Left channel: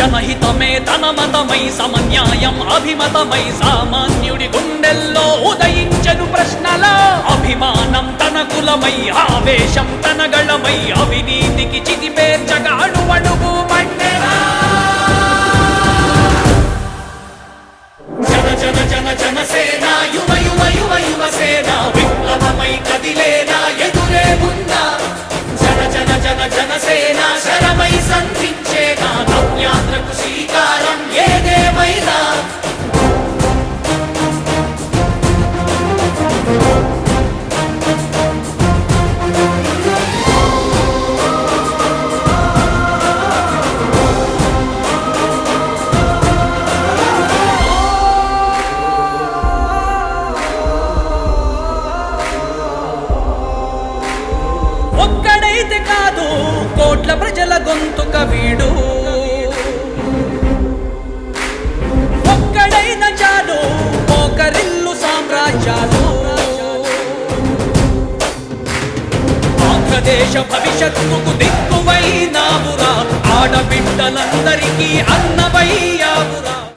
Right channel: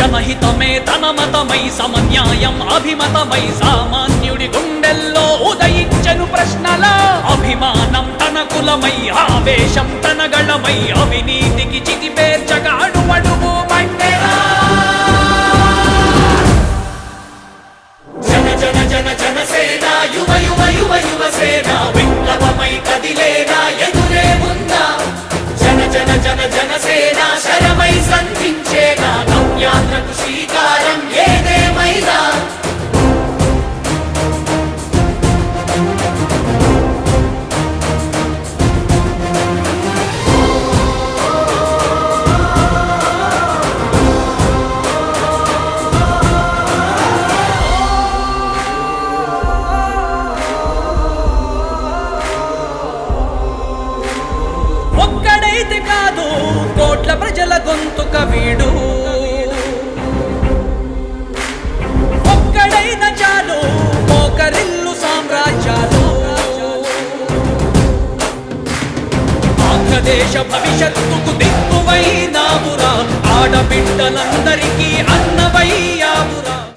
జనహితమే తన మతమై సమన్యాయం అభిమతమై సామాన్యుడి గుండెల్లో ఉదయించెను ప్రశ్నల అభిమానం తన కులమై ఆవేశం తన గళమై అవినీతికి చితిపేర్చగా అణువణువు మండెరా జన జన జన జనసేన యువ యువ యువ యువసేన విప్లవమై కదిలేనా ఎదురే ఉందా జన జన జన జనసేన శరమై సంధించేనా నవ్యాంధ్రకు శ్రీకారం ఏదేమైనా ఒక్కడైతే కాదు కోట్ల ప్రజల గొంతుక వీడు ఒక్కడైన చాలు మోకరిల్లు సామ్రాజ్యాలు ఆంధ్రదేశ భవిష్యత్తుకు దిక్కువైనావురా ఆడబిడ్డలందరికీ అన్నవయ్యావురా